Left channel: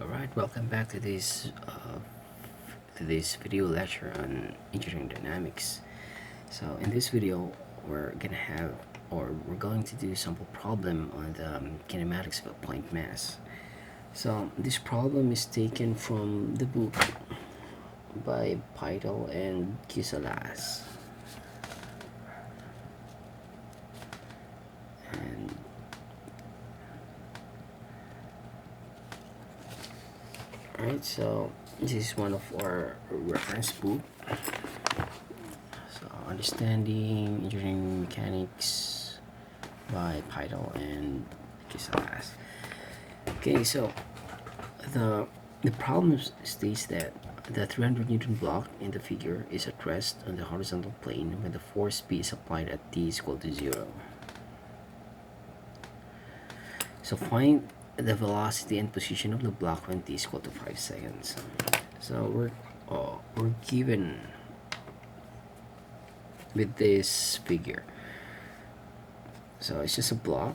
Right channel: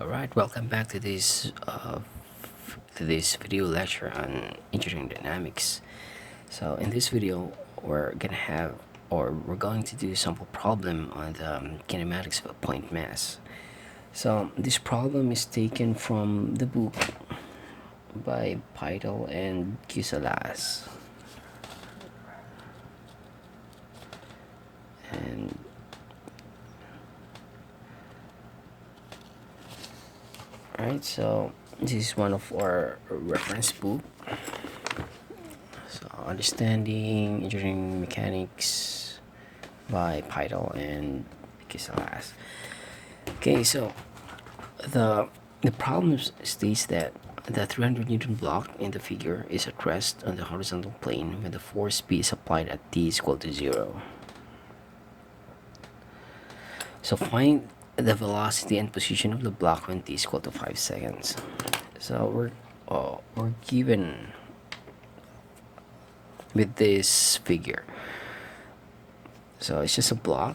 Alright, welcome back to this video lecture on engineering dynamics. So in this video, we're going to do sample problem on the kinematics of a point mass. So this problem is taken from the book by Pytel and Kisalas. And Alright, so this is one of our reference book. So Understanding Engineering Mechanics by Pytel and Kisalas. Okay, so the problem states that the 300 Newton block in the figure is at rest on the horizontal plane when the force P is applied at t is equal to 0. So find the velocity and position of the block when t is equal to 5 seconds. So we're given with this figure. So it's just a block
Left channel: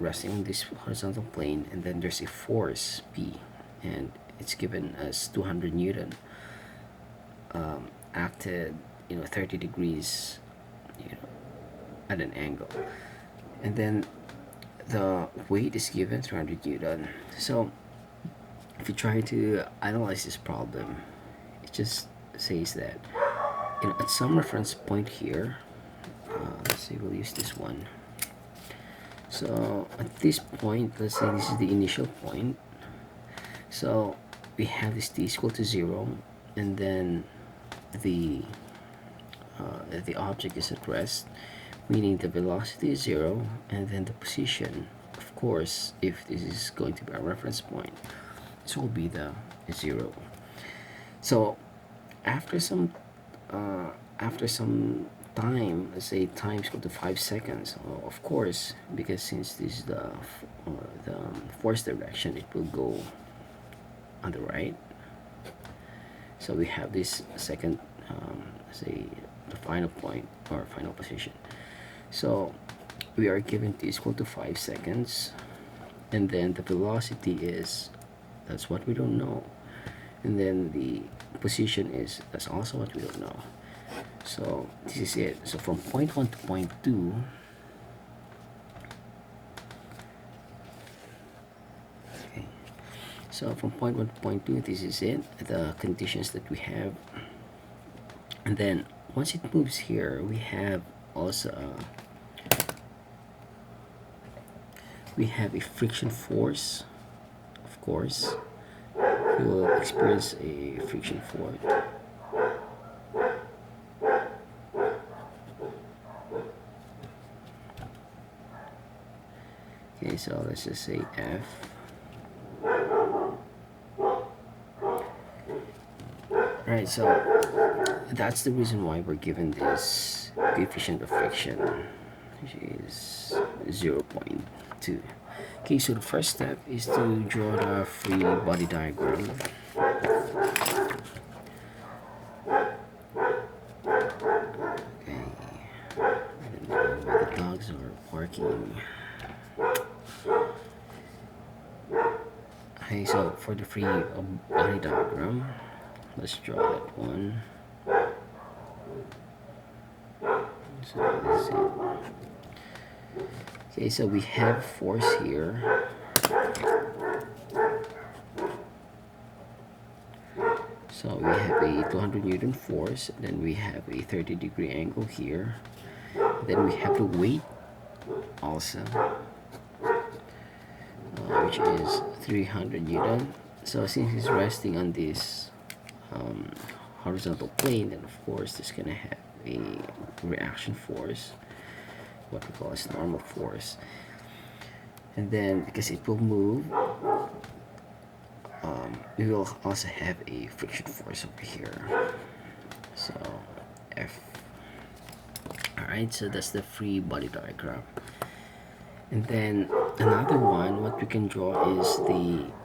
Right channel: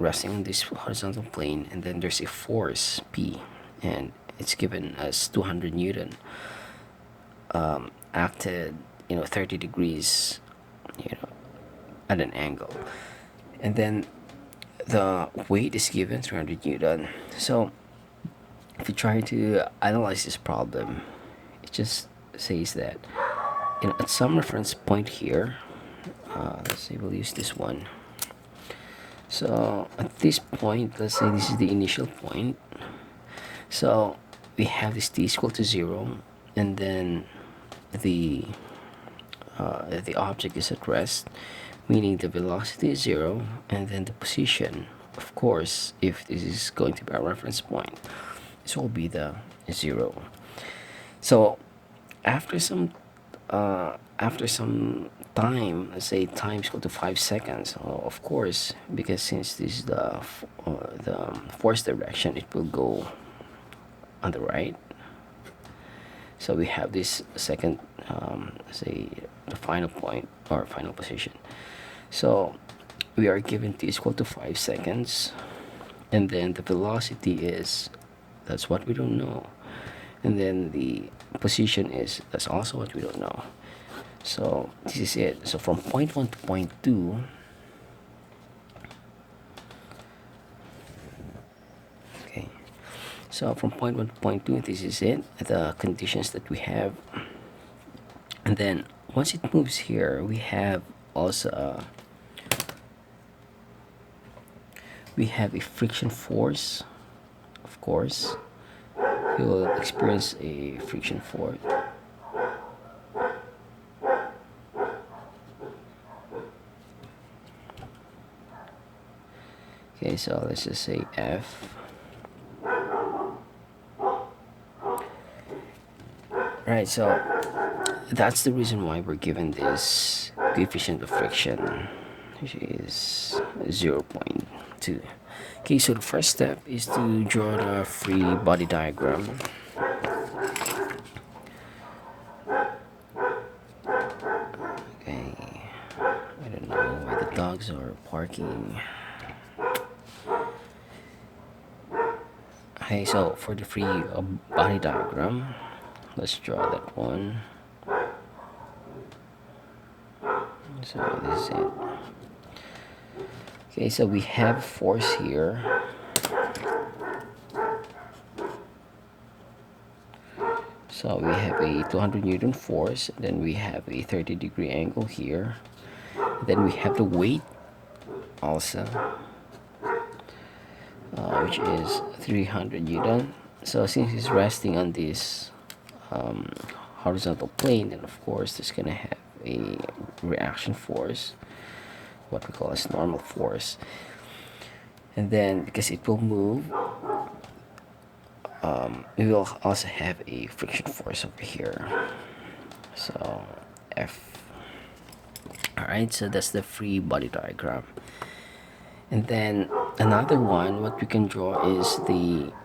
resting on this horizontal plane, and then there's a force P, and it's given as 200 Newton, acted 30 degrees at an angle, and then the weight is given 300 Newton. So if you try to analyze this problem, it just says that at some reference point here, let's see, we'll use this one. So at this point, let's say this is the initial point. So we have this t is equal to 0, and then the object is at rest, meaning the velocity is 0, and then the position, of course, if this is going to be our reference point, this will be the 0. So after some time, let's say time is equal to 5 seconds, of course, because since this is the force direction, it will go on the right. So we have this second, say the final point or final position. So we are given t is equal to 5 seconds, and then the velocity is, that's what we don't know, and then the position is, that's also what we don't know. So this is it. So from point 1 to point 2, okay, so from point 1 to point 2, this is it, the conditions that we have. And then once it moves here, we have also we have a friction force. Of course, we will experience a friction force. Okay, so let's just say F. Right, so that's the reason why we're given this coefficient of friction, which is 0.2. Okay, so the first step is to draw the free body diagram. Okay, I don't know why the dogs are barking. Okay, so for the free body diagram, let's draw that one. So this is it. Okay, so we have force here. So we have a 200 Newton force, then we have a 30-degree angle here. Then we have the weight also, which is 300 Newton. So since it's resting on this horizontal plane, then of course there's gonna have a reaction force, what we call as normal force. And then because it will move, we will also have a friction force over here, so F. Alright, so that's the free body diagram. And then another one, what we can draw is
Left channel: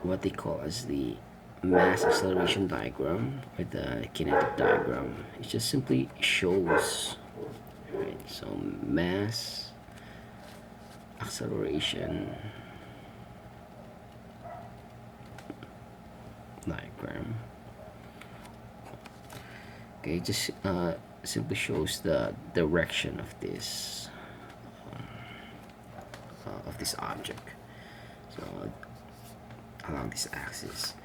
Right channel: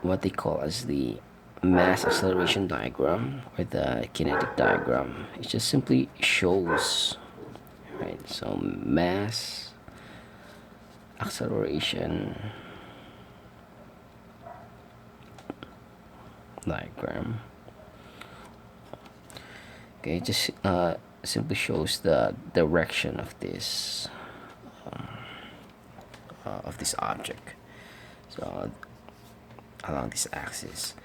what they call as the mass acceleration diagram, or the kinetic diagram. It just simply shows, right? So mass acceleration diagram. Okay, just simply shows the direction of this object, so along this axis,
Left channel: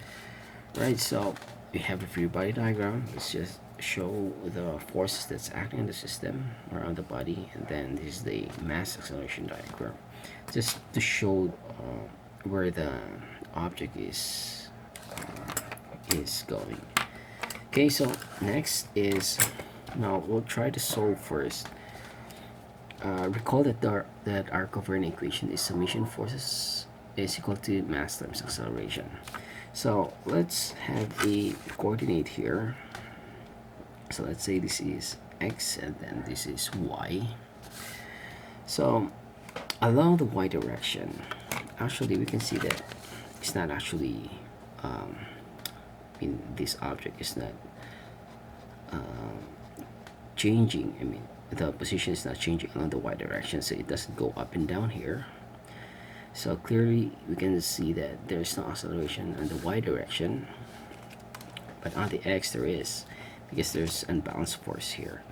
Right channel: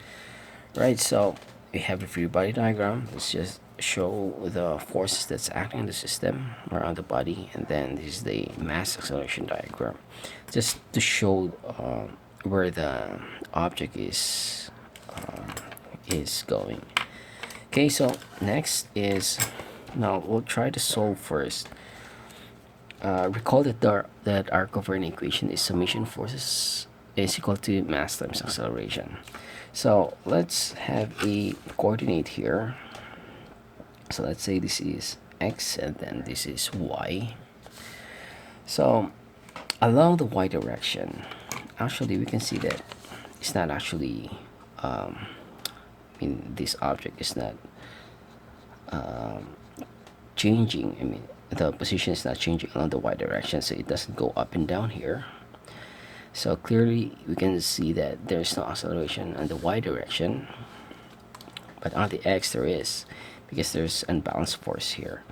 right? So we have a free body diagram. Let's just show the forces that's acting in the system around the body, and then this is the mass acceleration diagram, just to show where the object is going. Okay, so next is, now we'll try to solve first. Recall that our covariant equation is summation forces is equal to mass times acceleration. So let's have a coordinate here. So let's say this is x and then this is y. So along the y direction, actually we can see that it's not actually this object is not changing. I mean, the position is not changing along the y direction, so it doesn't go up and down here. So clearly we can see that there's no acceleration in the y direction, but on the x there is, because there's unbalanced force here.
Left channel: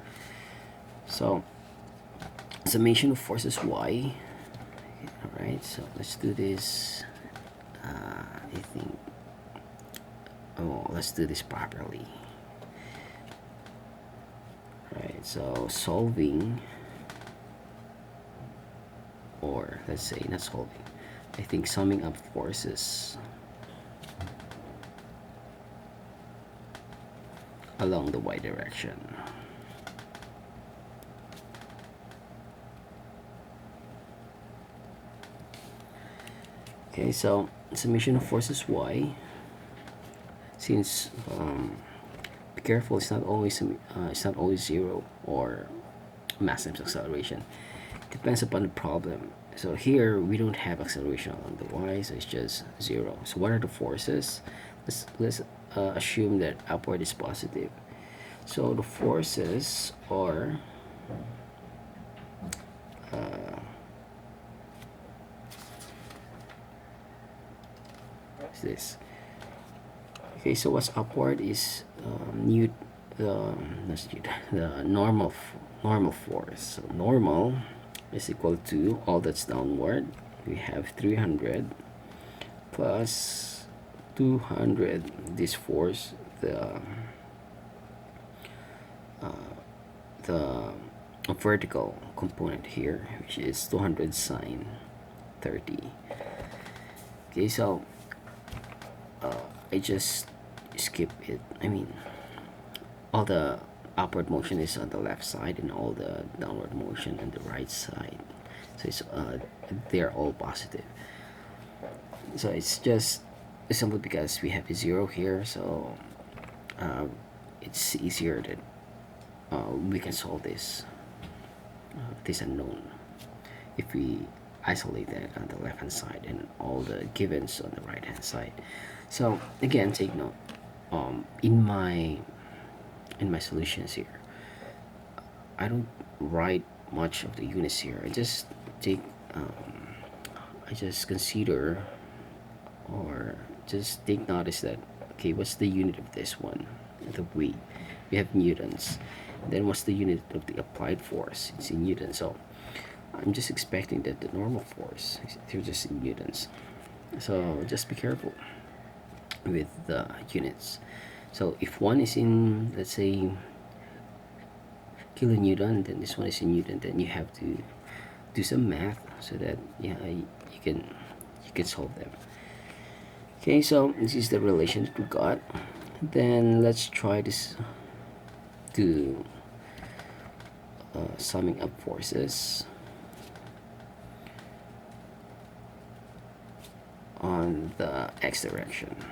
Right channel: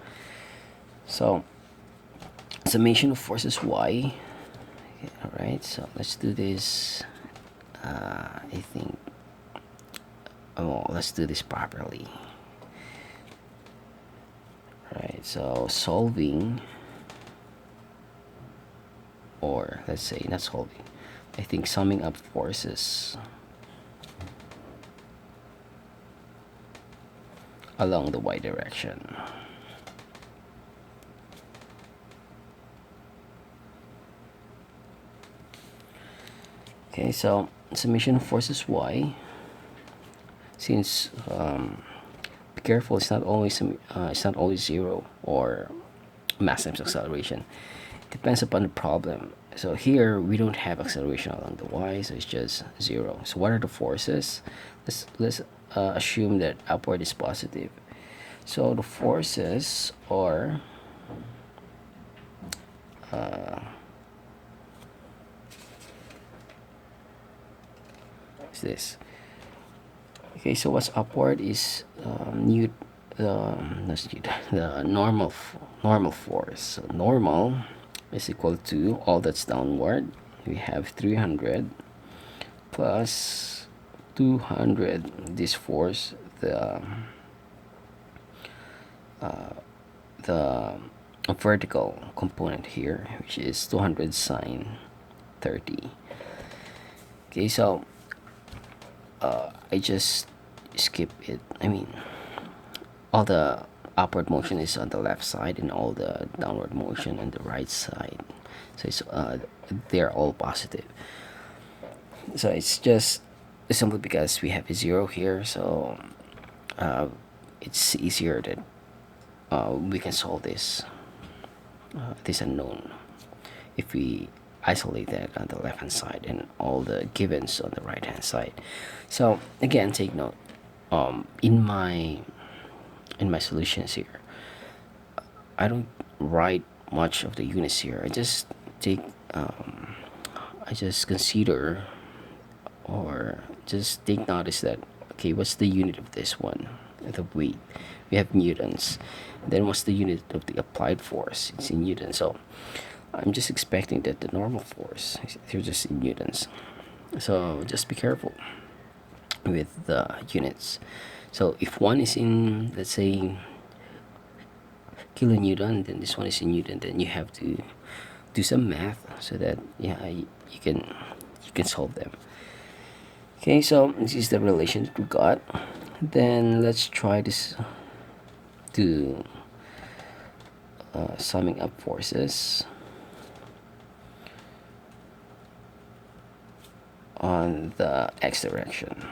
So summation of forces y. Okay, all right, so let's do this. I think, oh, let's do this properly. Right, so solving, or let's say not solving, I think summing up forces along the y direction. Okay, so summation of forces y, since be careful, it's not always zero or mass times acceleration. It depends upon the problem. So here we don't have acceleration along the y, so it's just 0. So what are the forces? Let's assume that upward is positive. So the forces are what's this? Okay, so what's upward is the normal force. So normal is equal to all that's downward. We have 300 plus 200. This force, the vertical component here, which is 200 sine 30. Okay, so I just skip it. I mean, all the upward motion is on the left side and all the downward motion on the right side, so it's they're all positive. So it's just simply because we have a 0 here, so it's easier that we can solve this unknown if we isolate that on the left hand side and all the givens on the right hand side. So again, take note, in my solutions here, I don't write much of the units here. I just consider, or just take notice that, okay, what's the unit of this one, the weight? We have newtons. Then what's the unit of the applied force? It's in newtons. So I'm just expecting that the normal force is just in newtons. So just be careful with the units. So if one is in, let's say, kilonewton, then this one is in newton, then you have to do some math so that you can solve them. Okay, so this is the relation that we got. Then let's try this to summing up forces on the x direction.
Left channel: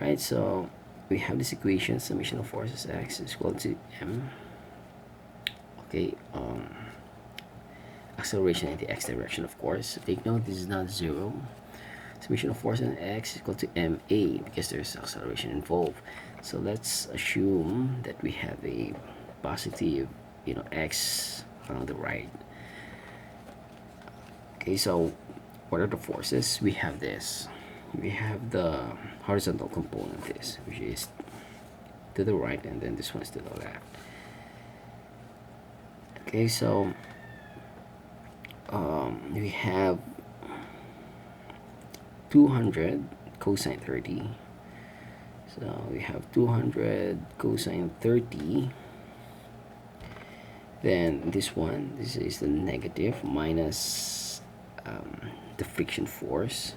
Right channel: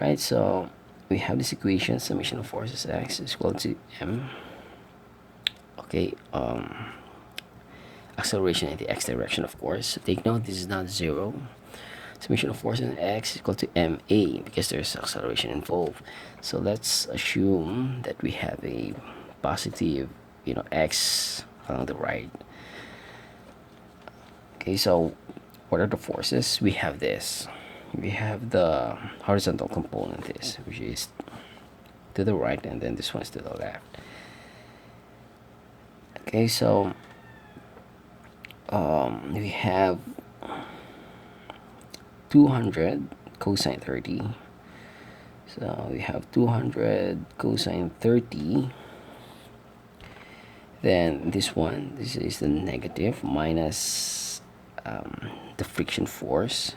Right, so we have this equation, summation of forces x is equal to m. Okay, acceleration in the x direction, of course. Take note, this is not 0. Summation of force in x is equal to ma, because there's acceleration involved. So let's assume that we have a positive, x along the right. Okay, so what are the forces? We have this. We have the horizontal component, this, which is to the right, and then this one's to the left. Okay, so we have 200 cosine 30. So we have 200 cosine 30. Then this one, this is the negative minus the friction force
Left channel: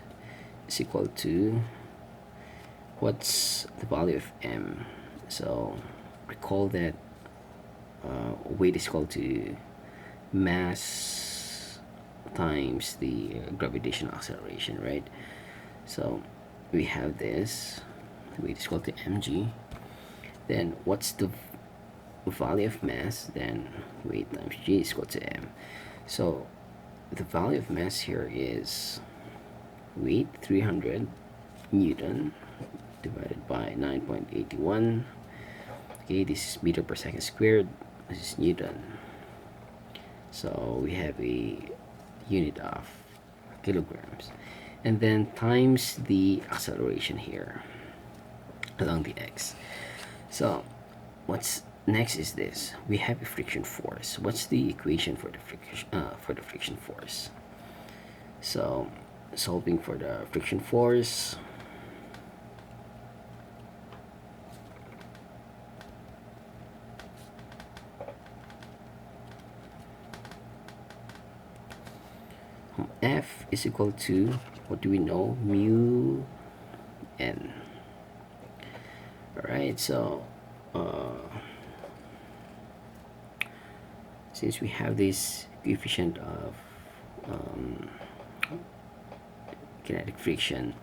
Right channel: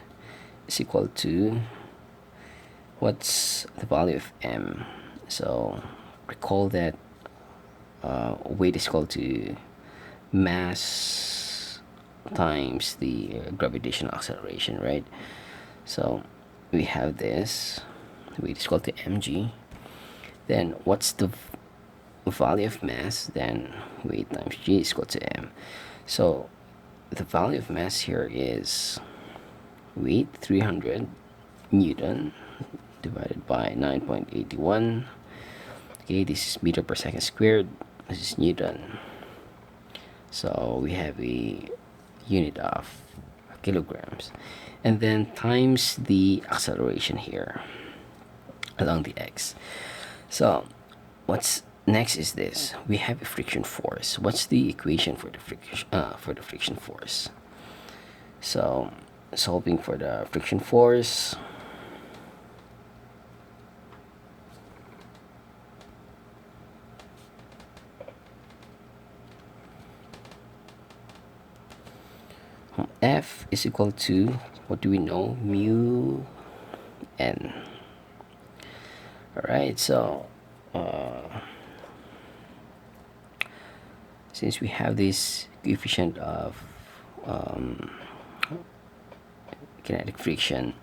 is equal to, what's the value of m? So recall that weight is equal to mass times the gravitational acceleration, right? So we have this, weight is equal to mg. Then what's the value of mass? Then weight times g is equal to m. So the value of mass here is weight 300 Newton divided by 9.81. Okay, this is meter per second squared. This is Newton. So we have a unit of kilograms. And then times the acceleration here along the x. So what's next is this. We have a friction force. What's the equation for the friction force? So solving for the friction force, F is equal to, what do we know? Mu n. Alright, so since we have this coefficient of kinetic friction,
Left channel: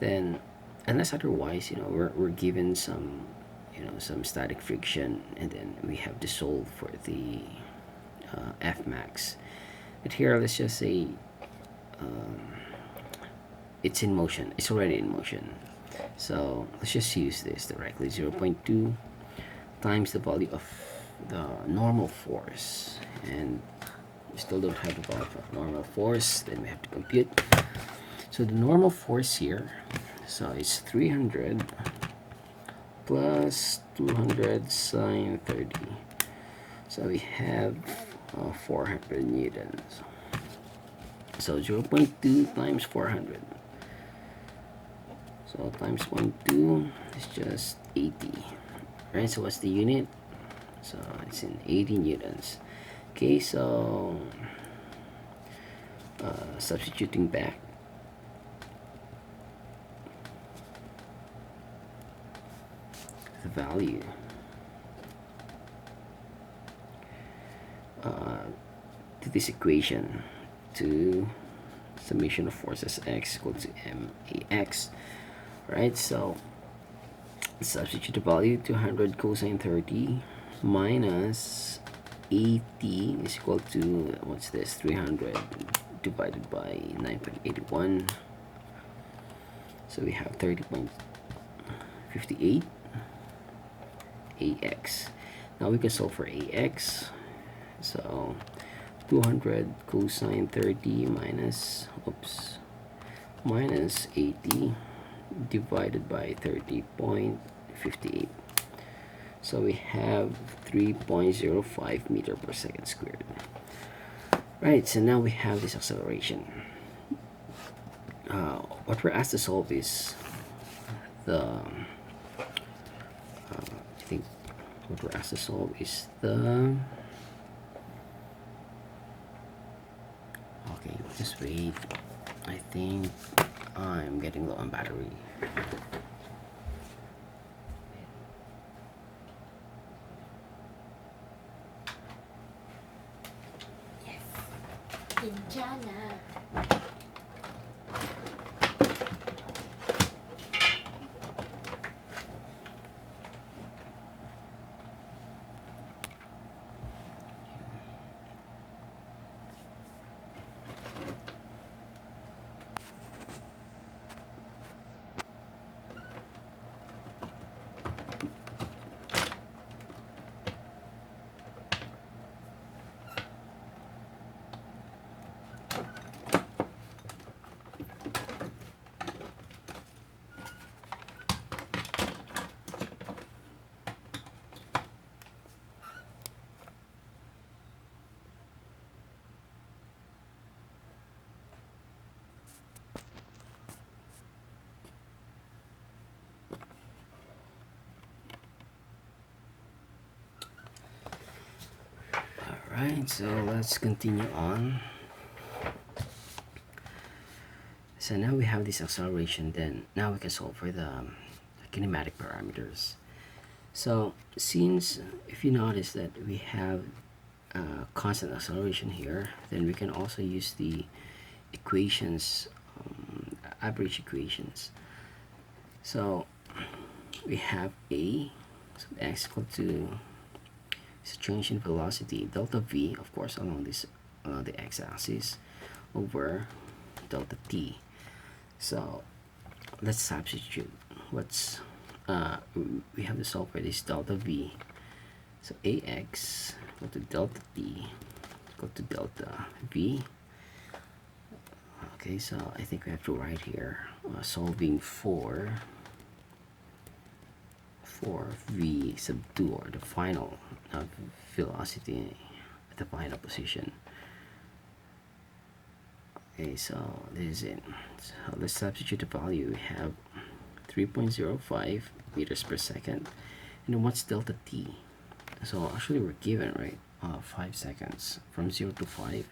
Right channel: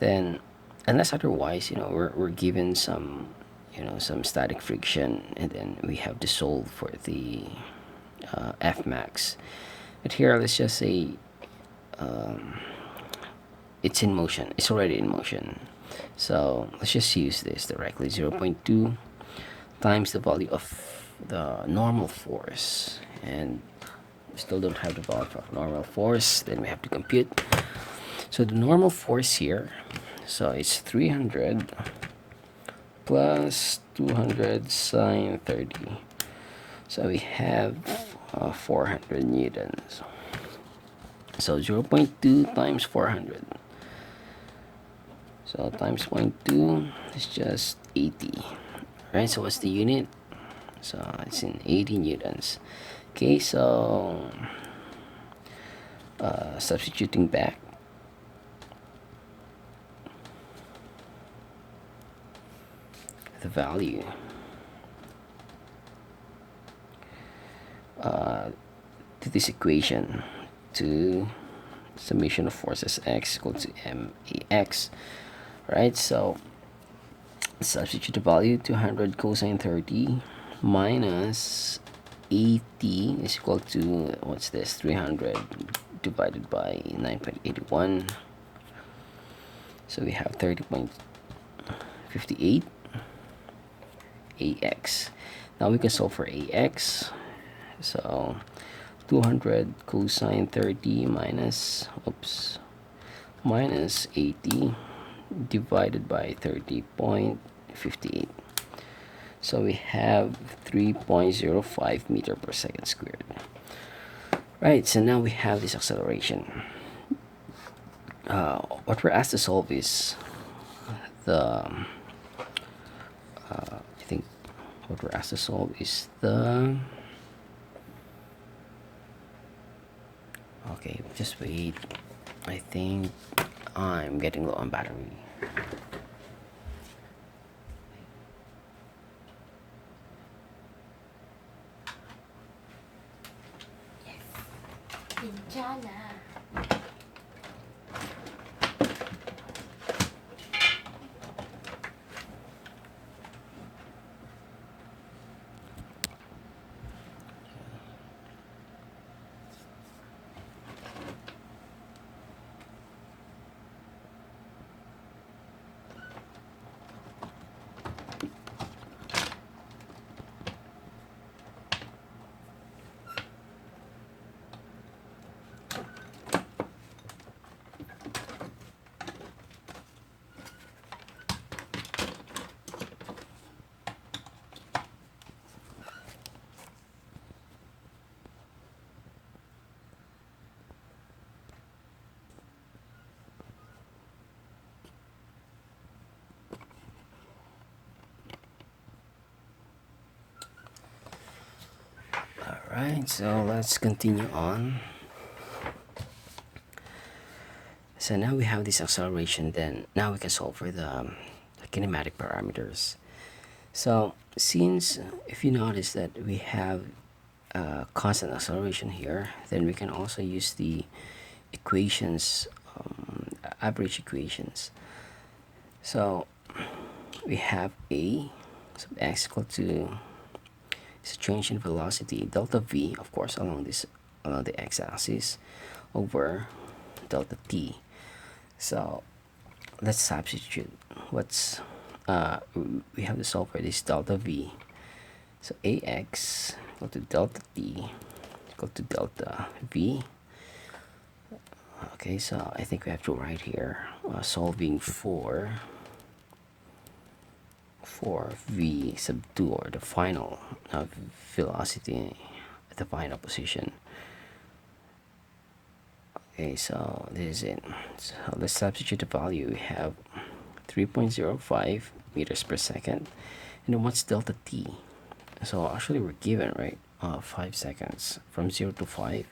then unless otherwise, we're given some some static friction, and then we have to solve for the F max. But here, let's just say it's in motion. It's already in motion. So let's just use this directly. 0.2 times the value of the normal force. And we still don't have the value of normal force. Then we have to compute. So the normal force here, so it's 300 plus 200 sine 30. So we have 400 newtons. So 0.2 times 400. So times 0.2 is just 80. Right, so what's the unit? So it's in 80 newtons. Okay, so substituting back, the value to this equation, to summation of forces x equal to max, right? So substitute the value, 200 cosine 30 minus 80 is equal to, what's this, 300 divided by 9.81. So we have 30.58 ax. Now we can solve for ax. So 200 cosine 30 minus 80 divided by 30.58. So we have 3.05 meter per second squared. Right, so now we have this acceleration. What we're asked to solve is the I think what we're asked to solve is the, okay, just wait, I think I'm getting low on battery. 괜찮아. Alright, so let's continue on. So now we have this acceleration, then now we can solve for the kinematic parameters. So since, if you notice that we have constant acceleration here, then we can also use the equations, average equations. So we have a sub x equal to is a change in velocity delta v, of course, along the x-axis, over delta t. So let's substitute what's we have to solve for this delta v. So ax equal to delta t equal to delta v. Okay, so I think we have to write here solving for v sub 2, or the final velocity at the final position. Okay, so this is it. So let's substitute the value. We have 3.05 meters per second, and then what's delta t? So actually we're given, right, 5 seconds from 0 to 5.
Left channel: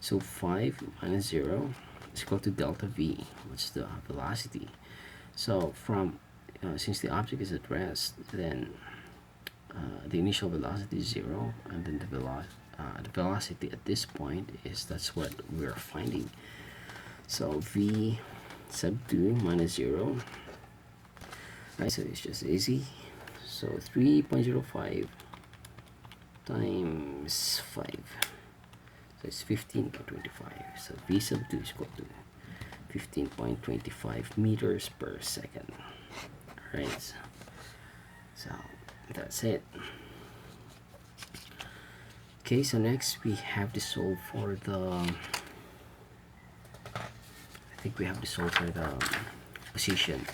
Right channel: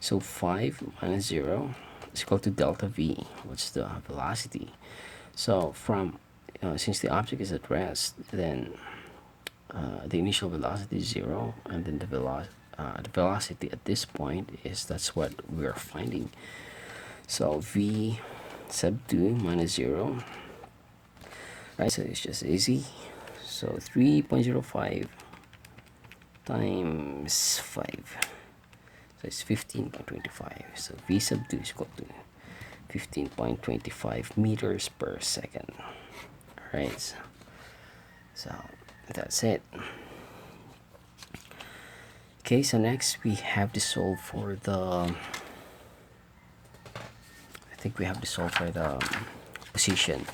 So 5 minus 0 is equal to delta v, which is the velocity. So from since the object is at rest, then the initial velocity is 0, and then the velocity at this point is, that's what we are finding. So v sub 2 minus 0, right? So it's just easy. So 3.05 times 5, so it's 15.25. So v sub 2 is equal to 15.25 meters per second. Right, so that's it. Okay, so next we have to solve for the, I think we have to solve for the position.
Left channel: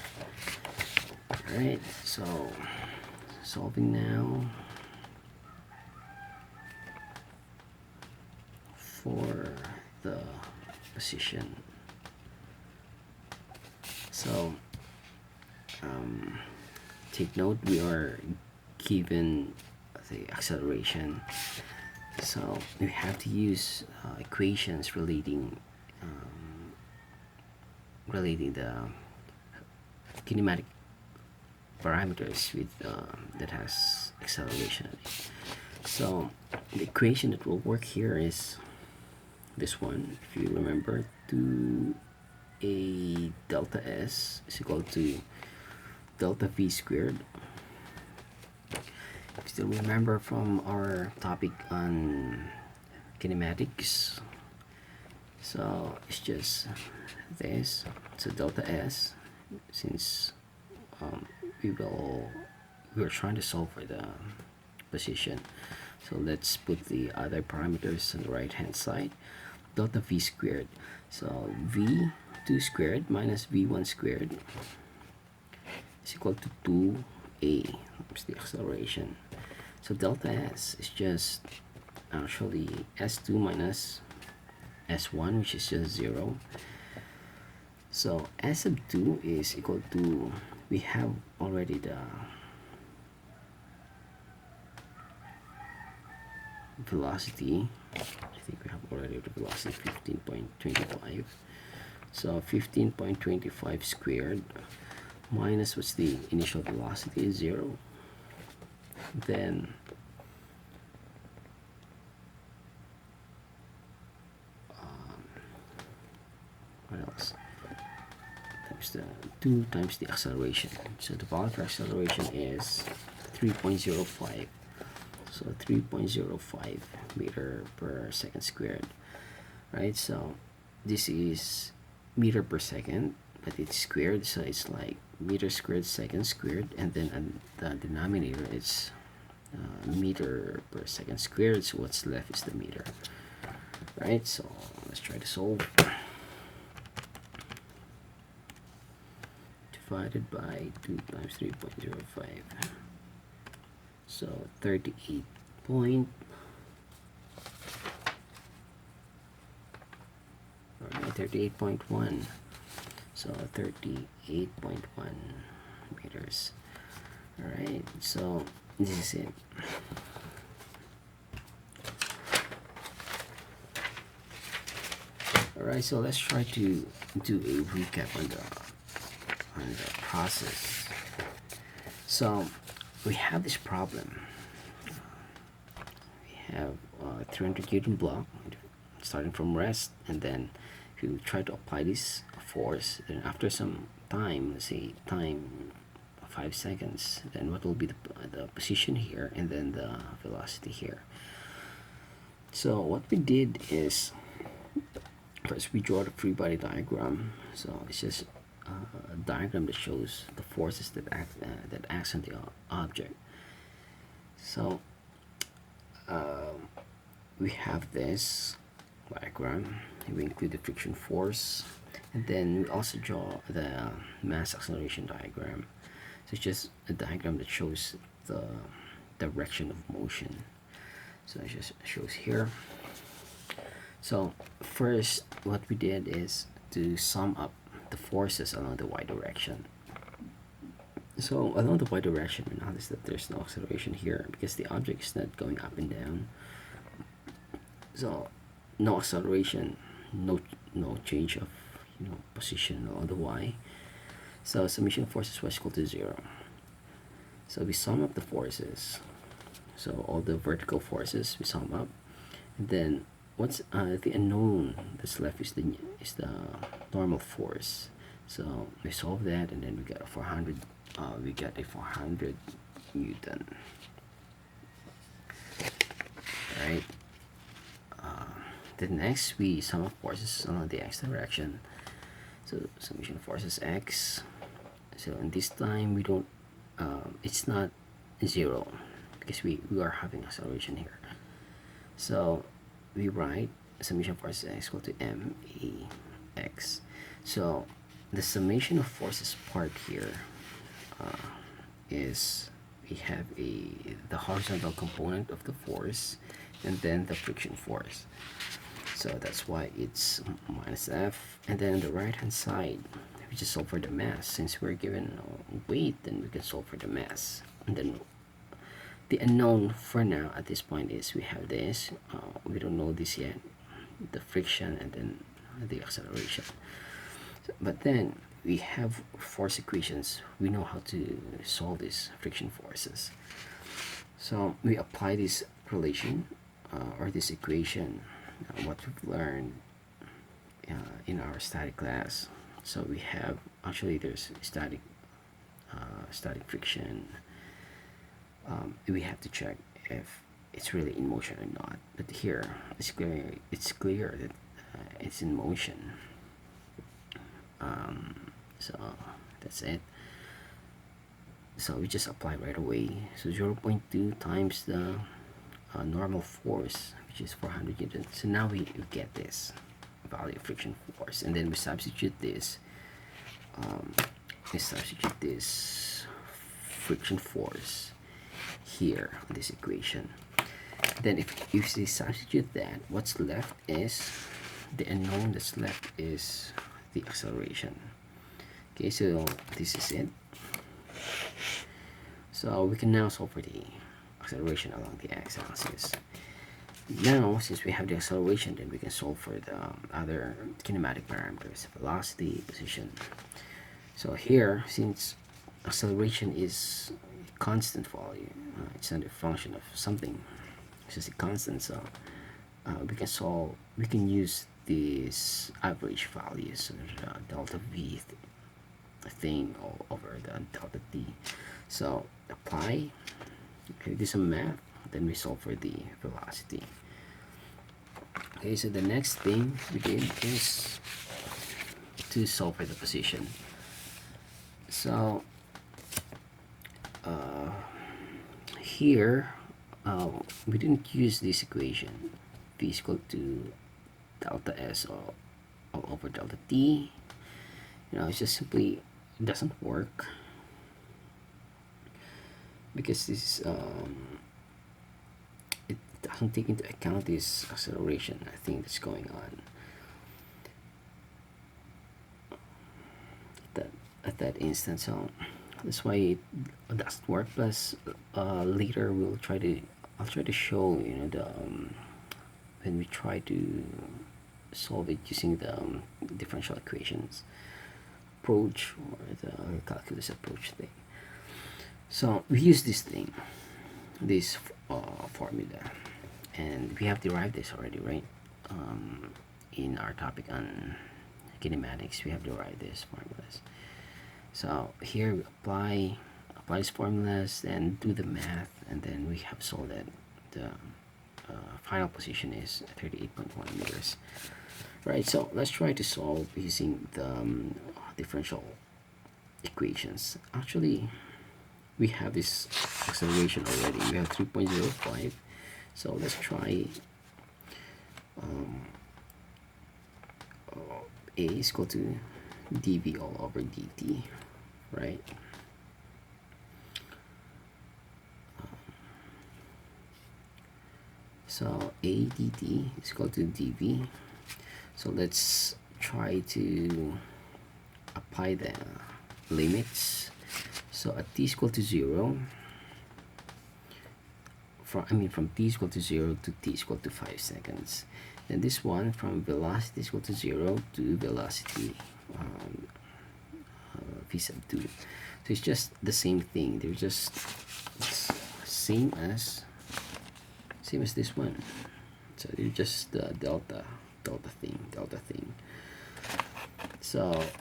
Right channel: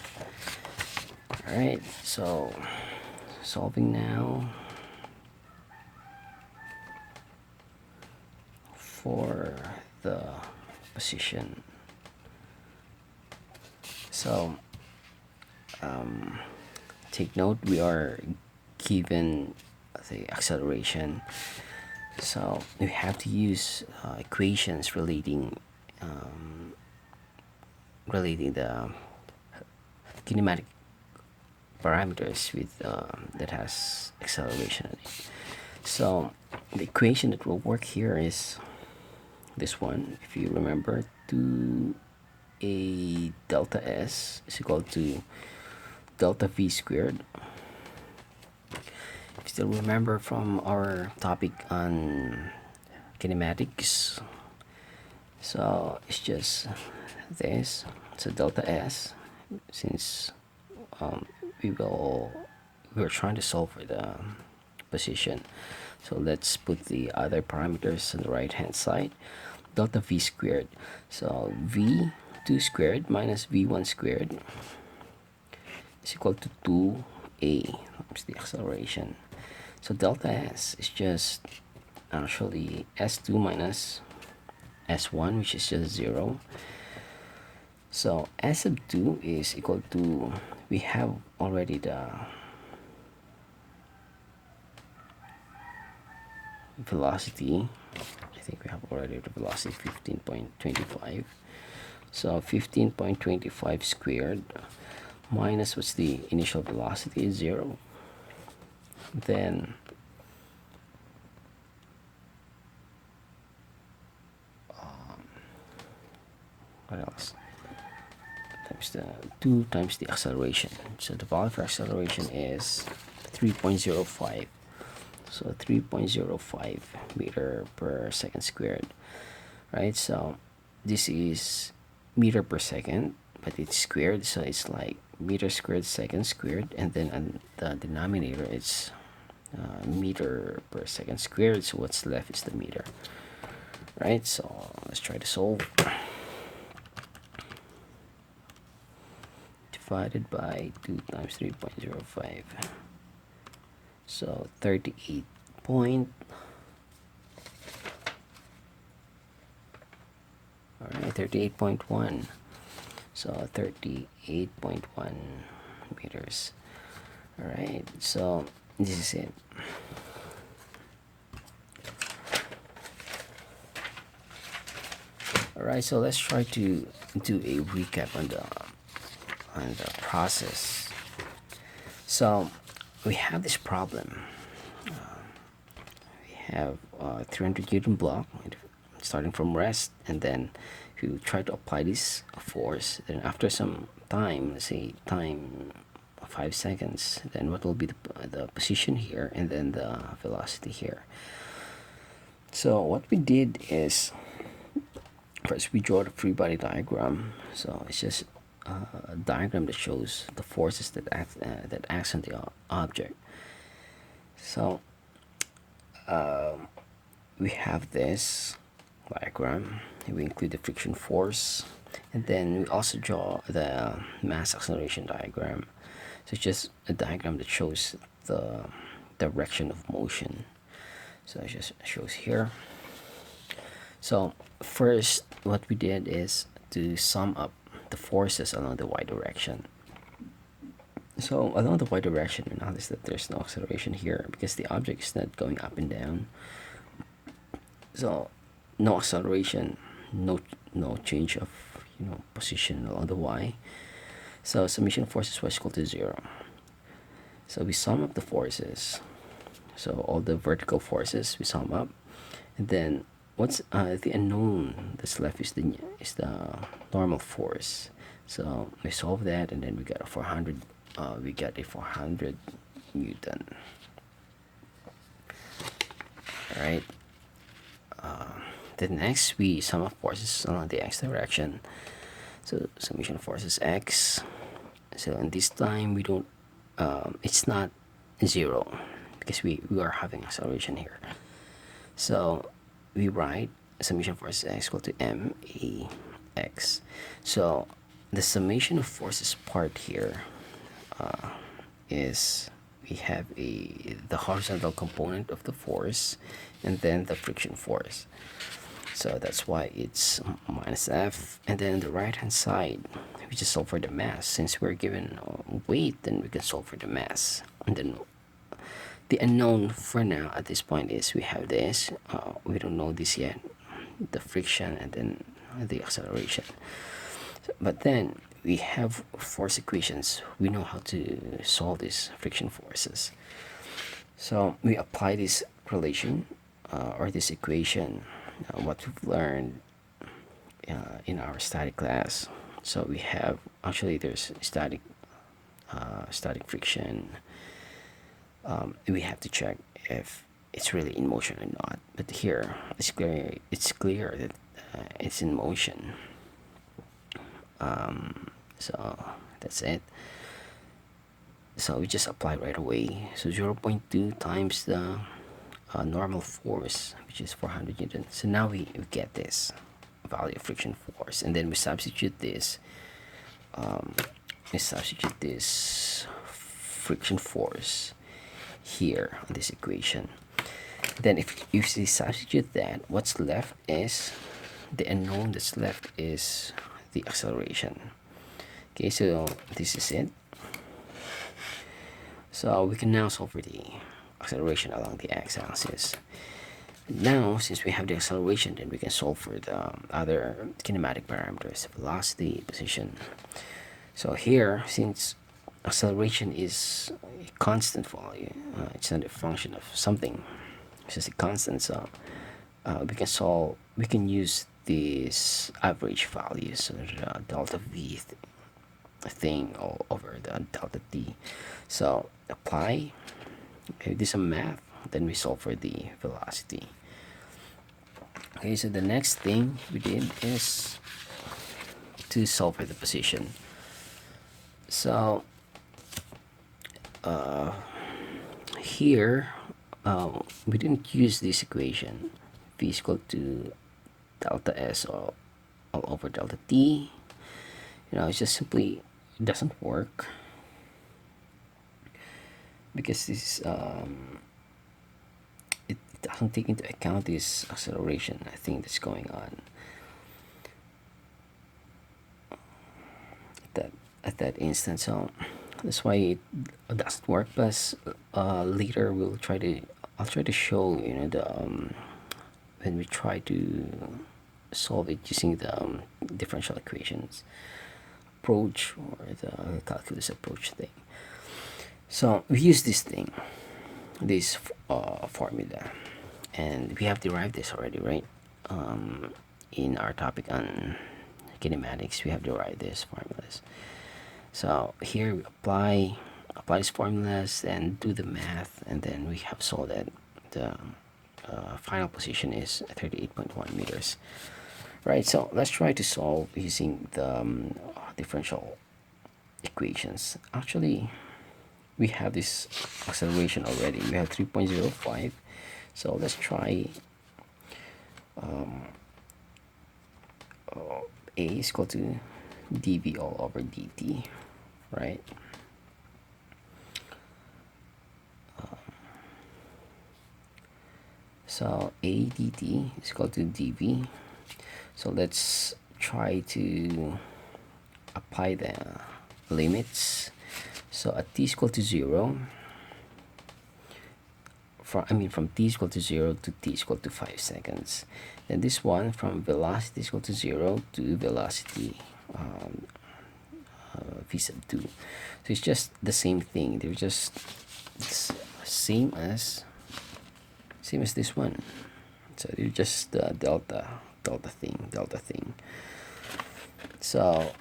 Alright, so solving now for the position. So take note, we are given the acceleration, so we have to use equations relating the kinematic parameters with that has acceleration. So the equation that will work here is this one. If you remember, 2a delta s is equal to delta v squared. If you still remember from our topic on kinematics, so it's just this. So delta s, since we're trying to solve for the position, so let's put the other parameters on the right hand side. Delta v squared, so v2 squared minus v1 squared is equal to 2a times the acceleration. So delta s is just actually s2 minus s1, which is just 0. So s sub 2 is equal to, we have already the velocity. I think we have already the velocity 15.25. So 15.25 squared minus what's the initial velocity is 0. Then what else? Times the 2 times the acceleration. So the value for acceleration is 3.05. So 3.05 meter per second squared. Right? So this is meter per second, but it's squared, so it's like meter squared second squared, and then the denominator it's meter per second squared, so what's left is the meter. Right, so let's try to solve. Divided by 2 times 3.05, so 38 point, all right, 38.1. So 38.1 meters. Alright, so this is it. Alright, so let's try to do a recap on the process. So we have this problem. We have 300 Newton block starting from rest, and then if you try to apply this force, then after some time, let's say time 5 seconds, then what will be the position here and then the velocity here. So what we did is, first we draw the free body diagram. So it's just a diagram that shows the forces that acts on the object. So we have this diagram. We include the friction force, and then we also draw the mass acceleration diagram. So it's just a diagram that shows the direction of motion. So it just shows here. So first, what we did is to sum up the forces along the y direction. So along the y direction, we notice that there's no acceleration here because the object is not going up and down. So no acceleration, no change of position along the y. So summation of forces was equal to 0. So we sum up the forces. So all the vertical forces we sum up, and then what's the unknown that's left is the normal force. So we solve that, and then we got a 400. We get a 400 Newton. All right. Then next we sum up forces along the x direction. So summation of forces x. So in this time we don't. It's not 0 because we are having acceleration here. So we write summation of forces x equal to max. So the summation of forces part here is we have the horizontal component of the force and then the friction force. So that's why it's minus f, and then the right hand side we just solve for the mass. Since we're given weight, then we can solve for the mass. And then the unknown for now at this point is we have this, we don't know this yet, the friction and then the acceleration. But then we have force equations. We know how to solve these friction forces. So we apply this relation or this equation, what we've learned in our static class. So we have, actually there's static friction. We have to check if it's really in motion or not. But here it's clear that it's in motion. So that's it. So we just apply right away. So 0.2 times the normal force, which is 400 Newton. So now we get this value of friction force, and then we substitute this. Friction force here in this equation. Then if you substitute that, what's left is the unknown that's left is the acceleration. Okay, so this is it. So we can now solve for the acceleration along the x-axis. Now, since we have the acceleration, then we can solve for the other kinematic parameters, velocity, position. So here, since acceleration is a constant value, it's not a function of something, it's just a constant. So we can use this average value, so the delta v thing all over the delta t. So apply, okay, do some math, then we solve for the velocity. Okay, so the next thing we did is to solve for the position. So here we didn't use this equation, v is equal to delta s all over delta t. It's just simply doesn't work because this it doesn't take into account this acceleration, I think, that's going on at that instant. So that's why it doesn't work. Plus later I'll try to show the when we try to solve it using the differential equations approach, or the calculus approach thing. So we use this thing, this formula, and we have derived this already, right? In our topic on kinematics, we have derived these formulas. So here we apply these formulas and do the math, and then we have solved that the final position is 38.1 meters. Right, so let's try to solve using the differential equations. Actually, we have this acceleration already. We have 3.05. So let's try A is equal to dv all over dt, right? So a dt is equal to dv. So let's try to apply the limits. So at t is equal to 0, from t is equal to 0 to t is equal to 5 seconds. Then this one from velocity is equal to 0 to velocity v sub 2. So it's just the same thing. They're just same as this one. So they're just the delta thing. So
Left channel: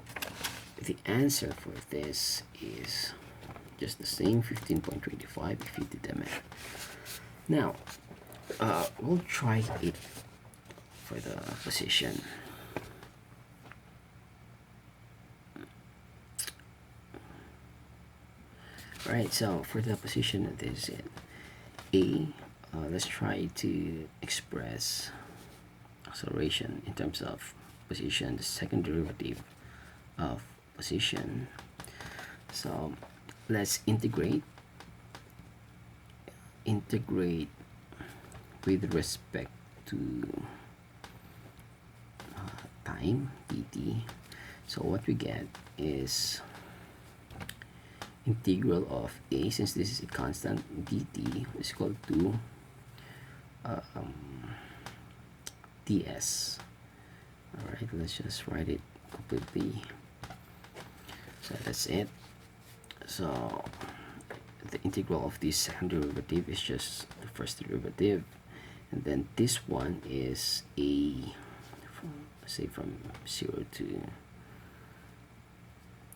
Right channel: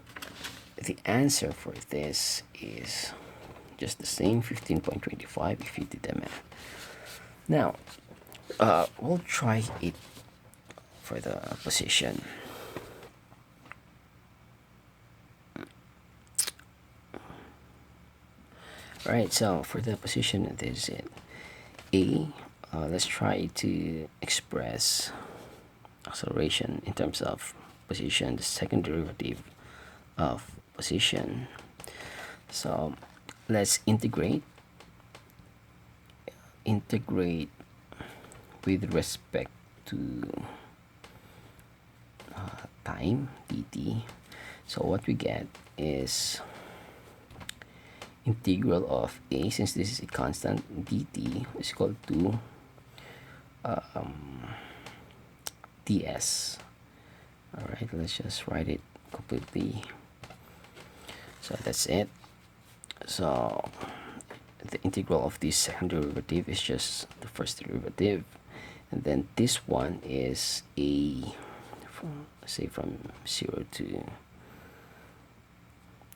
the answer for this is just the same, 15.25 if you did the math. Now we'll try it for the position. Alright, so for the position, this is it. A, let's try to express acceleration in terms of position, the second derivative of position. So let's integrate with respect to time dt. So what we get is integral of a, since this is a constant, dt is equal to ds. All right, let's just write it completely. So that's it. So the integral of this second derivative is just the first derivative, and then this one is a, say from 0 to,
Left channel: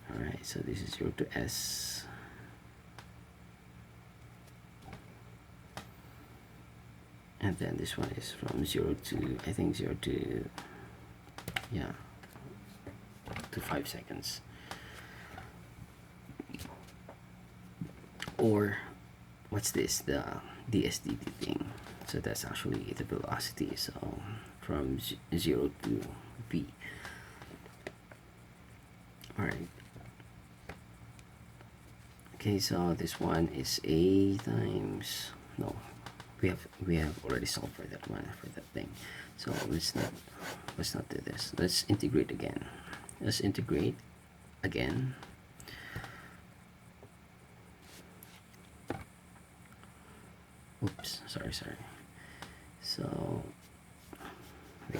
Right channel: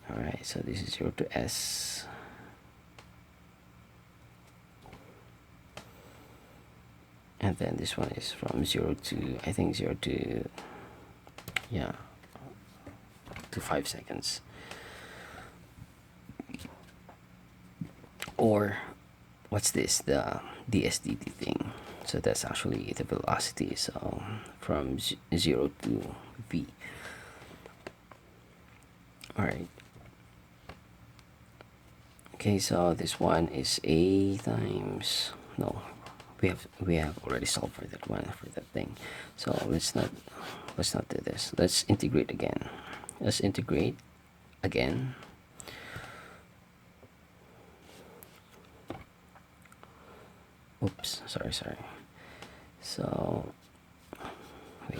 all right, so this is 0 to s, and then this one is from 0 to, I think 0 to, yeah, to 5 seconds. Or what's this, the dsdt thing? So that's actually the velocity, so from 0 to v. All right, okay, so this one is a times, no, we have already solved for that one, for that thing. So let's not do this. Let's integrate again. Oops, sorry. So wait,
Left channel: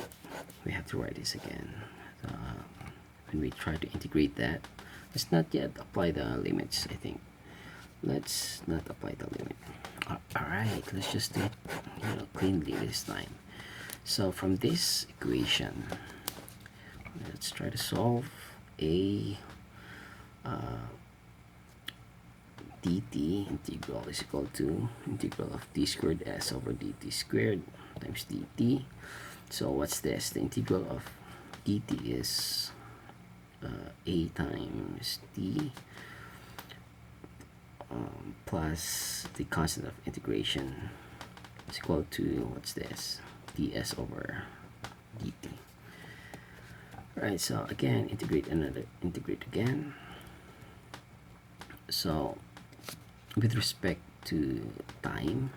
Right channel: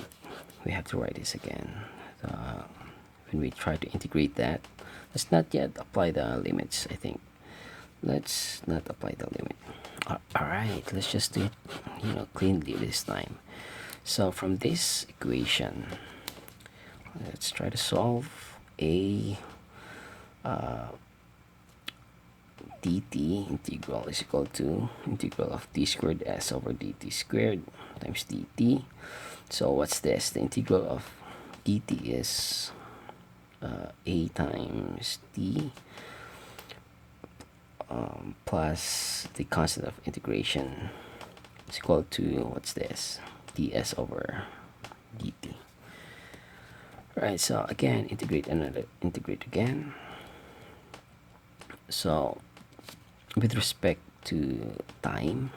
we have to write this again. When we try to integrate that, let's not yet apply the limits. I think let's not apply the limit. All right, let's just do it, cleanly this time. So from this equation, let's try to solve a dt integral is equal to integral of d squared s over dt squared times dt. So what's this? The integral of dt is a times d plus the constant of integration is equal to, what's this, ds over dt. Right, so again, integrate again. So with respect to time,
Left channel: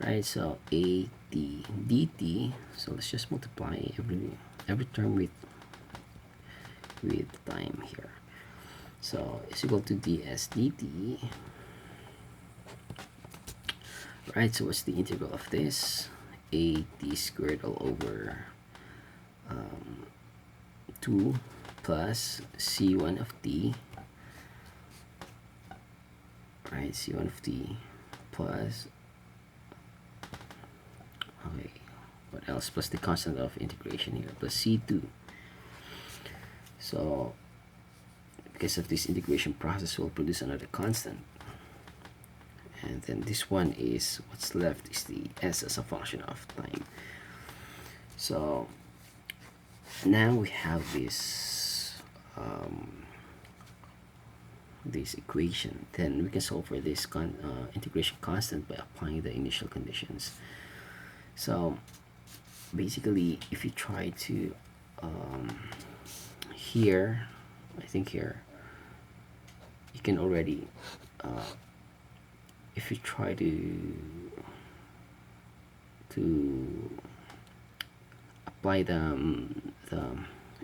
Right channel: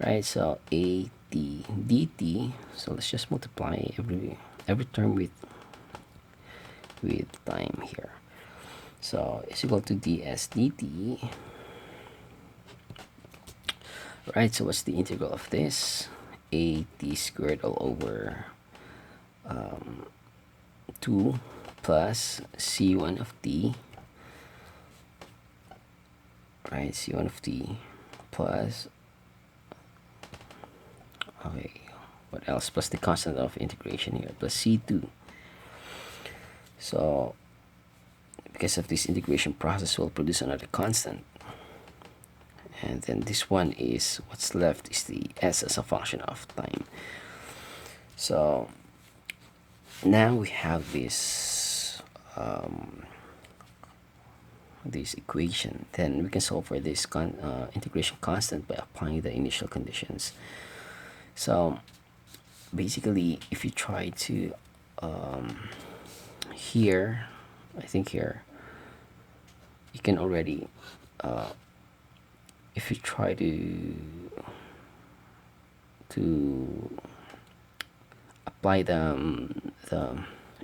right? So a t dt, so let's just multiply every term with time here. So is equal to ds dt. Right, so what's the integral of this? A t squared all over 2 plus c1 of t, right, c1 of t plus, okay, what else, plus the constant of integration here, plus c2. So because of this integration process, will produce another constant, and then this one is what's left is the s as a function of time. So now we have this equation. Then we can solve for this integration constant by applying the initial conditions. So basically, if you try to here, I think here you can already if you try to apply the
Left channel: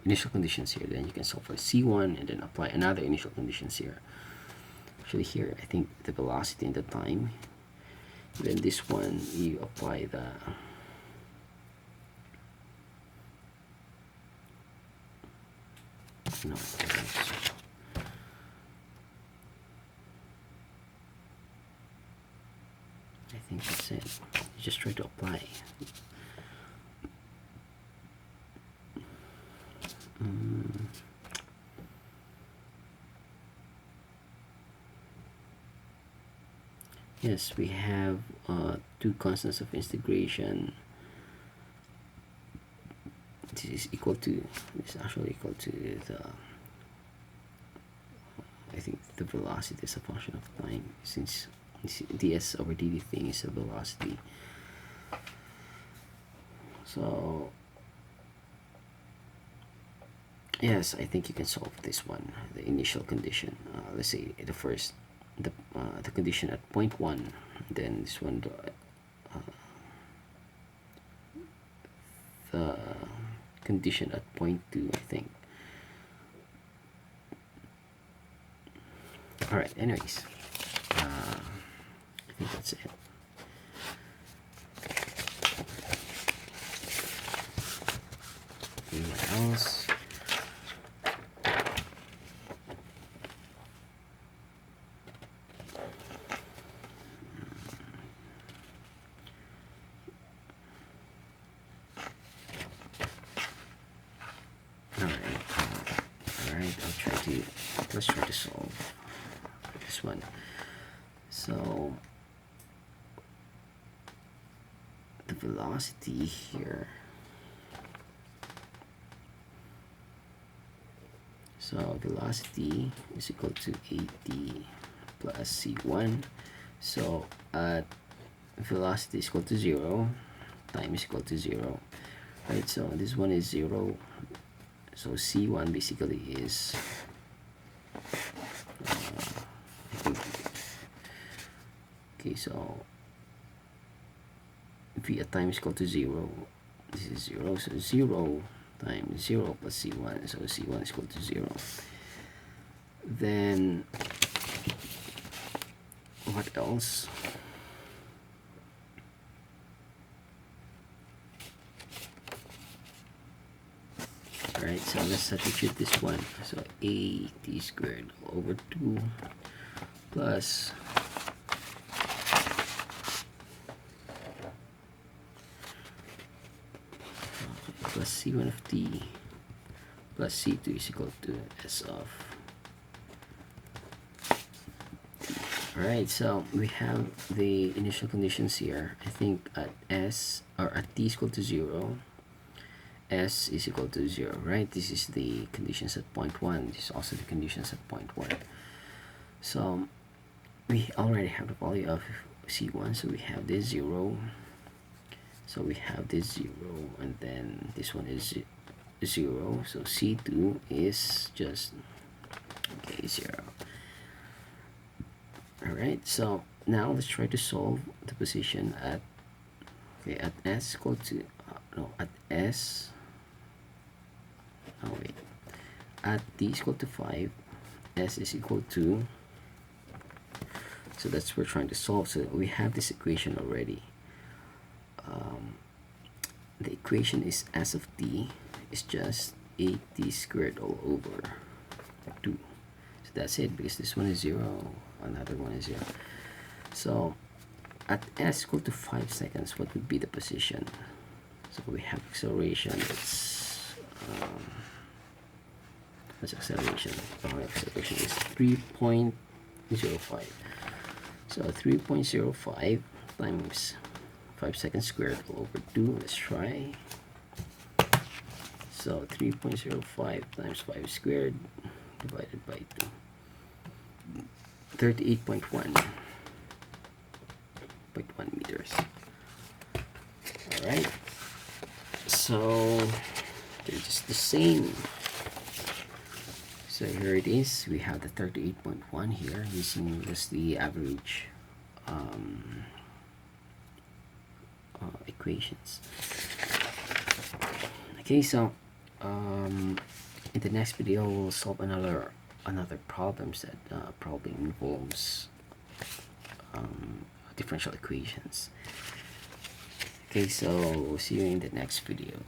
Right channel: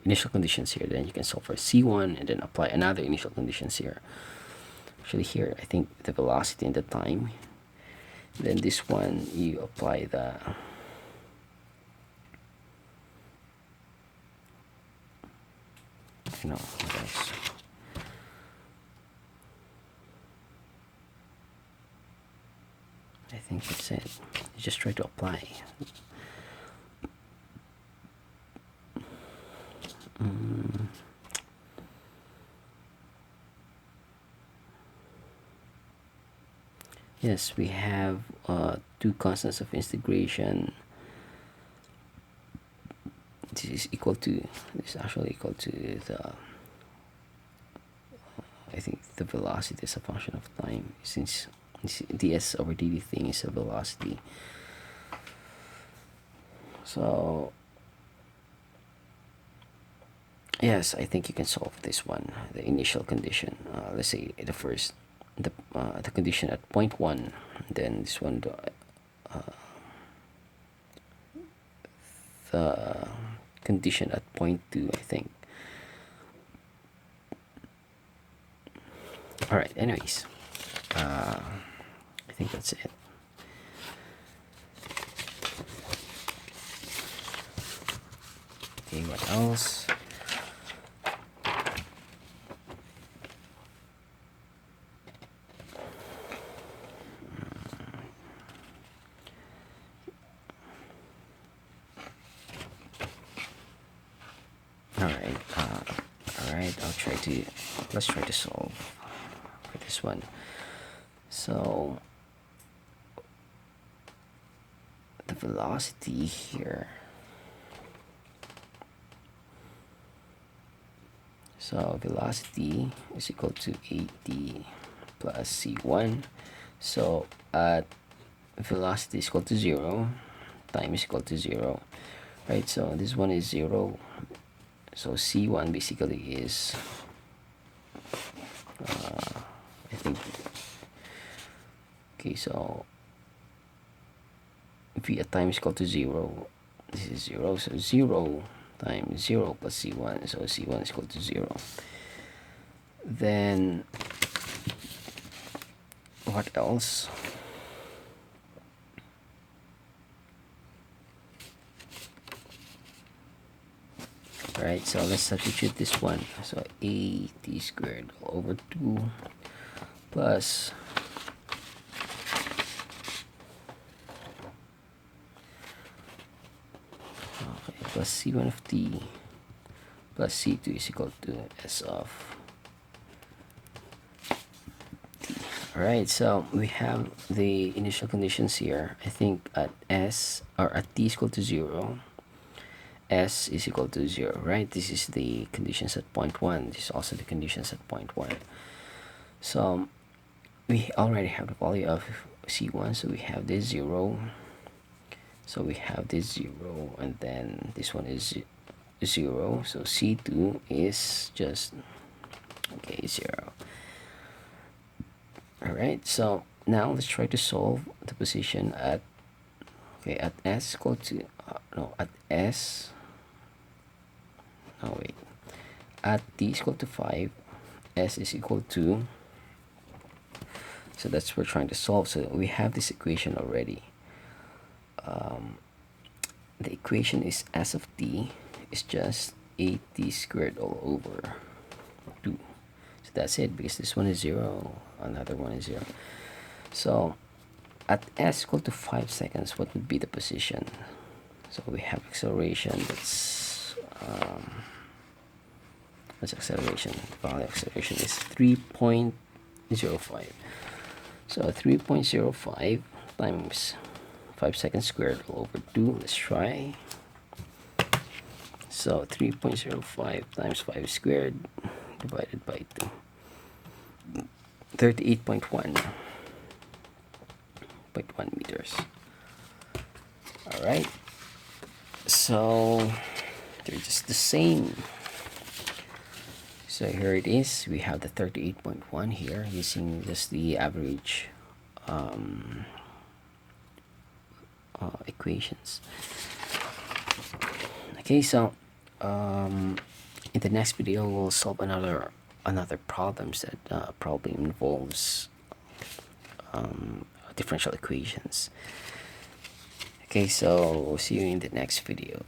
initial conditions here, then you can solve for c1 and then apply another initial conditions here. Actually here I think the velocity and the time, then this one you apply the no, I think that's it. You just try to apply. Yes, we have two constants of integration. This is equal to, this is actually equal to the, I think the velocity is a function of time, since ds over dt thing is a velocity. So yes, I think you can solve this one, the initial condition. Let's say the condition at point 1, then this one the condition at point 2, I think. All right, anyways, I think that's it. Okay, what else? Let's try to solve this one. So the velocity here, so velocity is equal to at plus c1. So at velocity is equal to 0, time is equal to 0, right? So this one is 0, so c1 basically is I think, okay, so v at time is equal to 0, this is 0, so 0 times 0 plus c1, so c1 is equal to 0. Then what else? Right, so let's substitute this one. So a t squared over 2 plus plus c1 of t plus c2 is equal to s of t. Alright, so we have the initial conditions here. I think at s, or at t is equal to 0, s is equal to 0, right? This is the conditions at point 1. This is also the conditions at point 1. So we already have the value of c1, so we have this 0, so we have this 0, and then this one is 0, so c2 is just, okay, 0. Alright, so now let's try to solve the position at, okay, at s equal to no, at s, oh wait, at t is equal to 5 s is equal to, so that's what we're trying to solve. So we have this equation already. The equation is s of t is just 8t squared all over 2. So that's it, because this one is 0, another one is 0. So at s equal to 5 seconds, what would be the position? So we have acceleration, that's what's acceleration? Well, acceleration is 3.05. So 3.05 times 5 seconds squared all over 2. Let's try. So 3.05 times 5 squared divided by 2. 38.1 meters. Alright. So they're just the same. So here it is. We have the 38.1 here using just the average equations. Okay, so in the next video we'll solve another problems that probably involves differential equations. Okay, so we'll see you in the next video.